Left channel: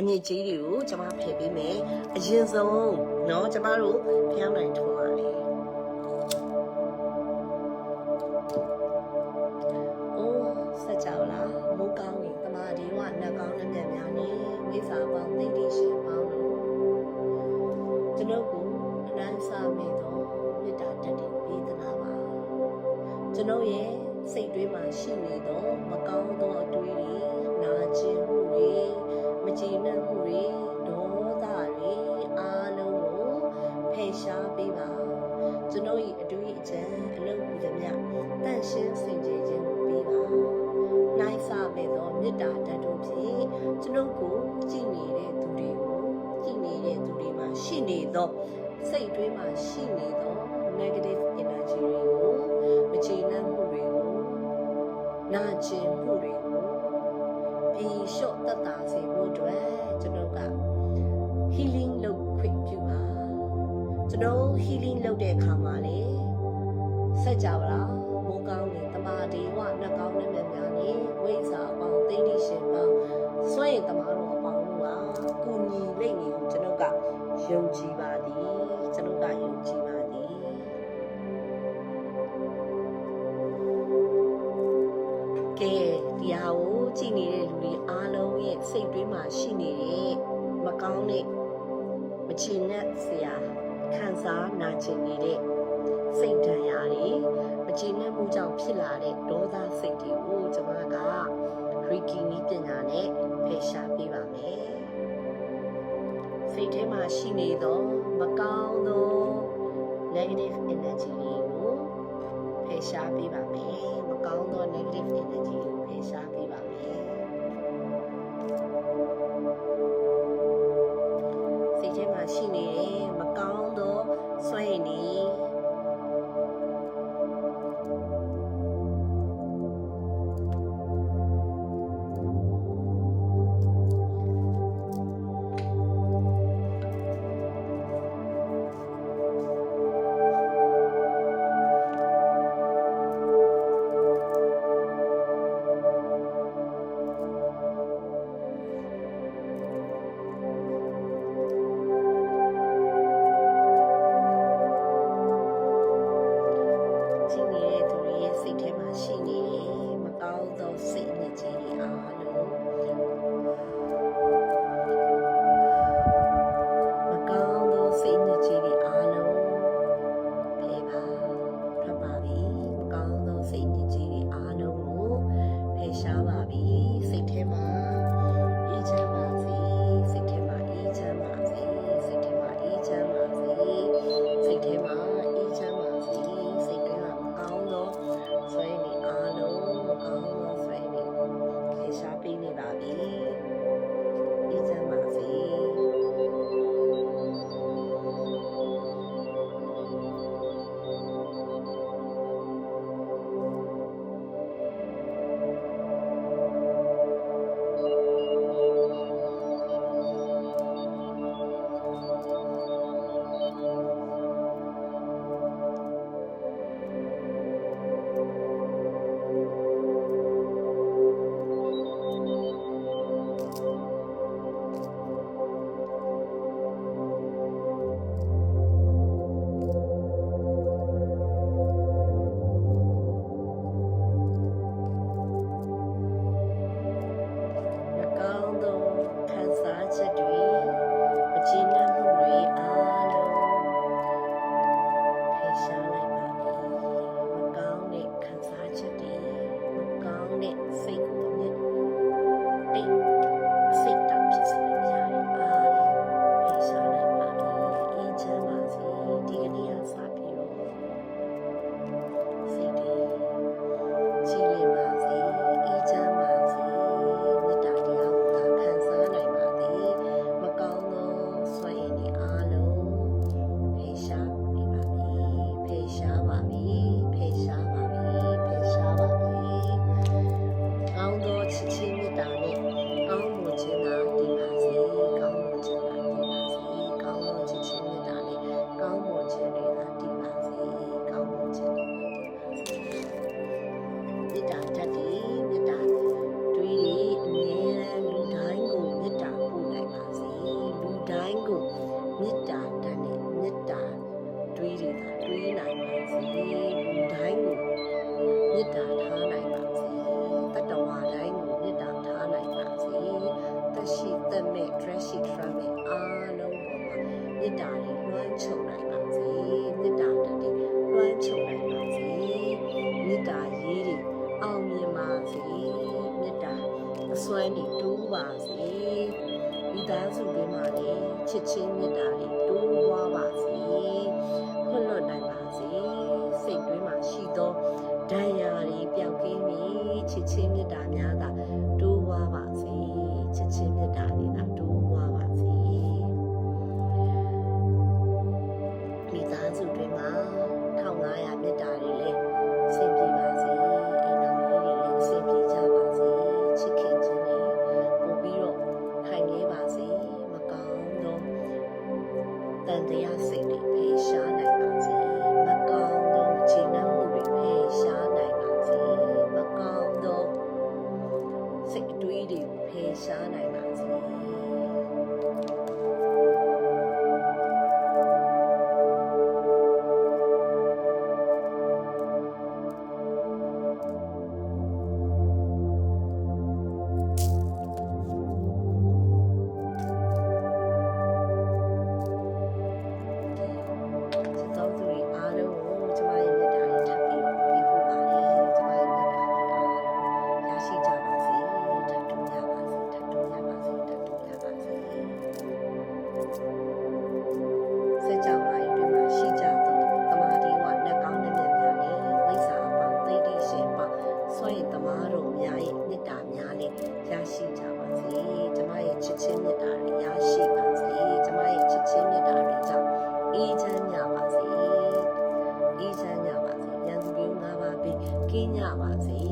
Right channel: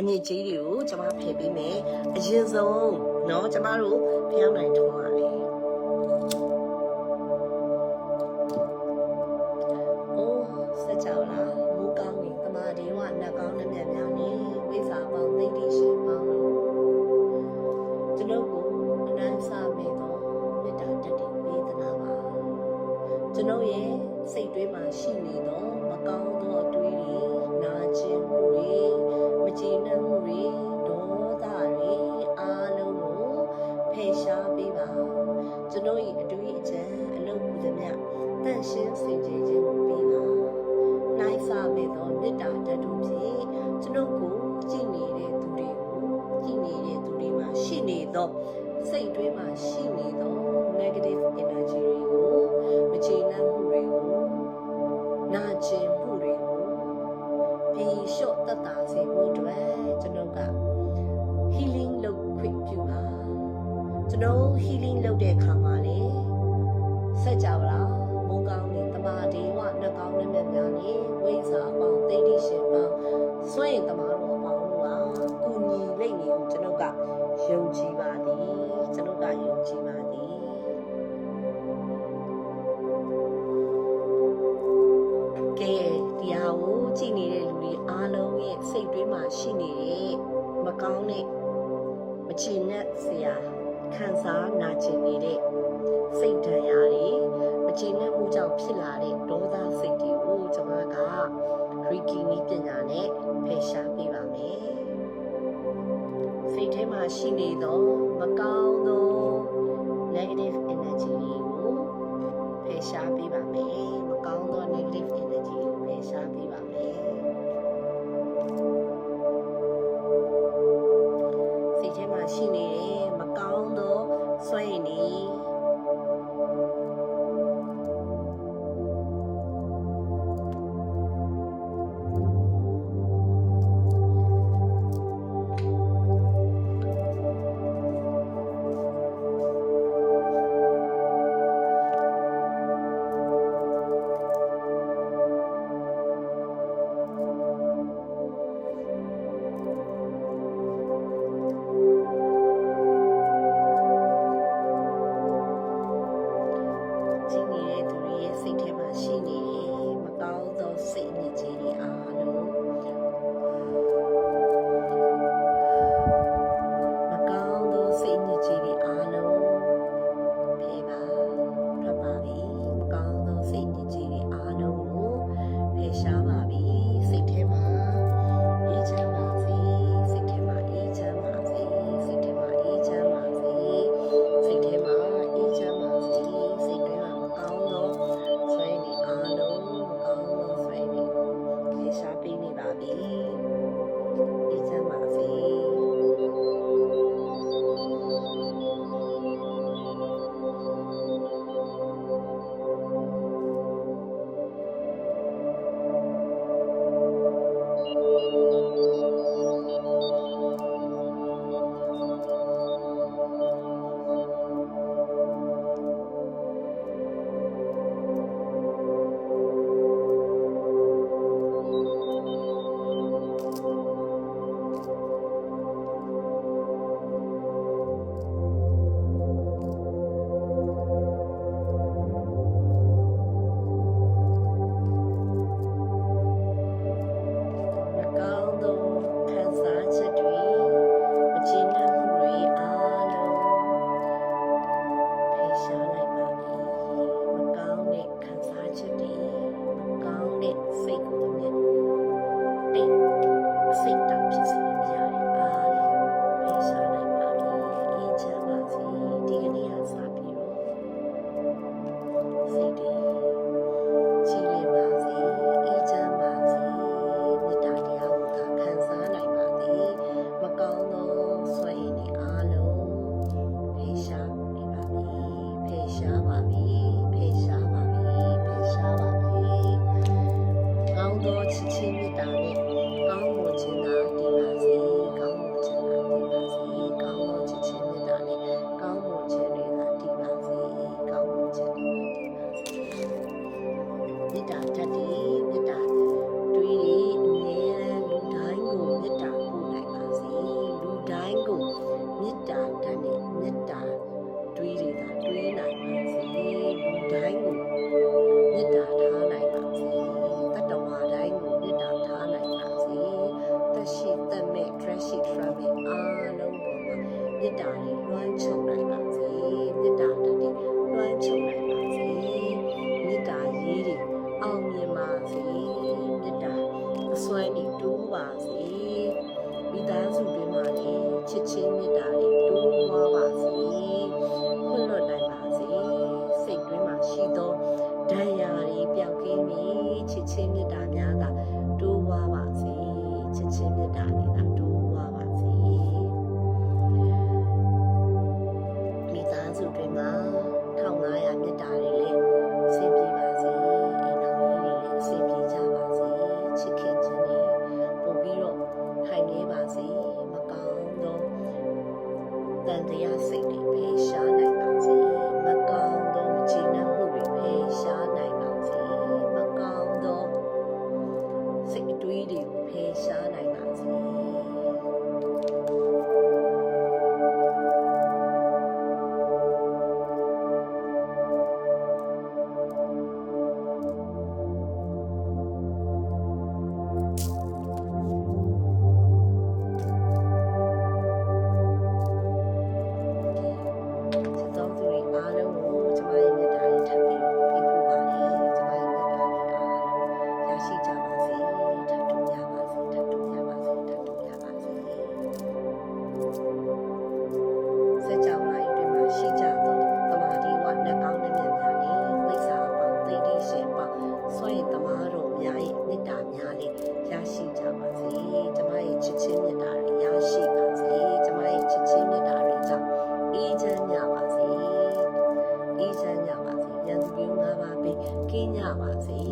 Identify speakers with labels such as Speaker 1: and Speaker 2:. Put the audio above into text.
Speaker 1: အညစ်အကြေးတွေကိုကျမဖယ်ပေးမယ်အရင်ဆုံးเนาะကျမတို့ဖျောင်းနိုင်ထုံးရလေအိုးစัจ java လားမူကောင်းရင်တမာဒီဝနတ်ကောင်းနှမျက်များနေဝိဇ္ဇာပေါင်းသိတိရှင်ပေါင်းလို့ကျွန်ုပ်ကိုအတိုင်းစားမိတော့မေတ္တာတက်တည်ပေးသနာပါကျွန်ုပ်ရဲ့စိတ်တွေးမှာရှိနေတော့မကောင်းသောအတွေးတွေနာကျင်မှုတွေမ ကြည်နပ်မှုတွေဒေါသတွေအားလုံးကိုဖယ်ရှားပေးပါကျွန်ုပ်၏အတွေးအကြံအလုပ်ကူသမျှတန့်ရှင်းစင်ကြယ်ခြင်းကိုပေးပါနိုင်စာမဲ့သောမေတ္တာဓာတ်တို့ဖြင့်ကျွန်ုပ်ကိုကြည်နေတဲ့သူတွေကိုကြည်နေတဲ့သူတွေမှာရှိနေသောစိတ်တွေးမှာရှိနေသော negative energy တွေကိုမချေနှံ့မှုတွေကိုနာကျင်မှုတွေကို ပြေလျှော့သက်သာစေဖို့အတွက်ကျွန်တော်က healing လုပ်ခွင့်ပြုပါကျွန်တော် healing လုပ်တဲ့အခါမှာလေဆက်ကြပါလားမိုးကောင်းနေတမာဒေဝနှက်ကောင်းနဲ့မြတ်များနေဝိဇ္ဇာအပေါင်းသိတိရှင်ပေါင်းစွန့်ရင်တမာတော်အပေါင်းတို့ဟာကုညီလိမ့်နေဟုကျွန်တော်ကယုံကြည်ပါသည်ကျွန်တော်ကယုံကြည် ကဲဒီဟာကိုကြည်နေတဲ့လူတွေအားလုံးရဲ့စိတ်တွေးမှာရှိနေတဲ့မကောင်းတဲ့မချင်တဲ့ဆရာခံစားနာကျင်နေတဲ့စိတ်ဒဏ်ရာတွေမချင်တဲ့မှုကြောင့်ဖြစ်လာတဲ့ဒေါသစိတ်တွေကိုကျွန်မကရီကီနီးပညာနဲ့ဖယ်ရှားပေးပါမယ်စိတ်ထဲမှာရှိနေသောမကောင်းသော negative energy တွေကိုဖယ်ရှားပေးပါမယ်မ ကောင်းသော negative energy ကိုဖယ်ရှားပေးပါမယ်စိတ်ထဲမှာရှိနေတဲ့မကောင်းသောစွမ်းရည်တွေ ခြင်းသာတည်ပါစေကောင်းမွန်ခြင်းသာတည်ပါစေကောင်းသောချစ်ခြင်းမေတ္တာနဲ့ကောင်းမွန်ခြင်းတွေသာတည်ပါစေကောင်းမွန်ခြင်းတွေသာတည်ပါစေမေတ္တာတတ်သည်မေတ္တာတွေးလေအမြဲတမ်းလူတိုင်းကိုမေတ္တာပို့နိုင်ပါစေလူတိုင်းကိုမေတ္တာတတ်နဲ့မေတ္တာတွေးတွေသာတွေးနိုင်ပါစေလူတိုင်းကိုမေတ္တာထား စွမ်းတွေတိုးပါစေမိသားစုတွေမှာလည်းချစ်ချင်းမေတ္တာတွေတိုးပွားပါစေခွင့်လွှတ်နိုင်ပါစေစိတ်တွင်းမှာရှိသောဒဏ်ရာတွေပျောက်ကင်းပြီးချစ်ချင်းမေတ္တာများသာတိုးပွားပါစေချစ်ချင်းမေတ္တာတွေ 那嘛，贼。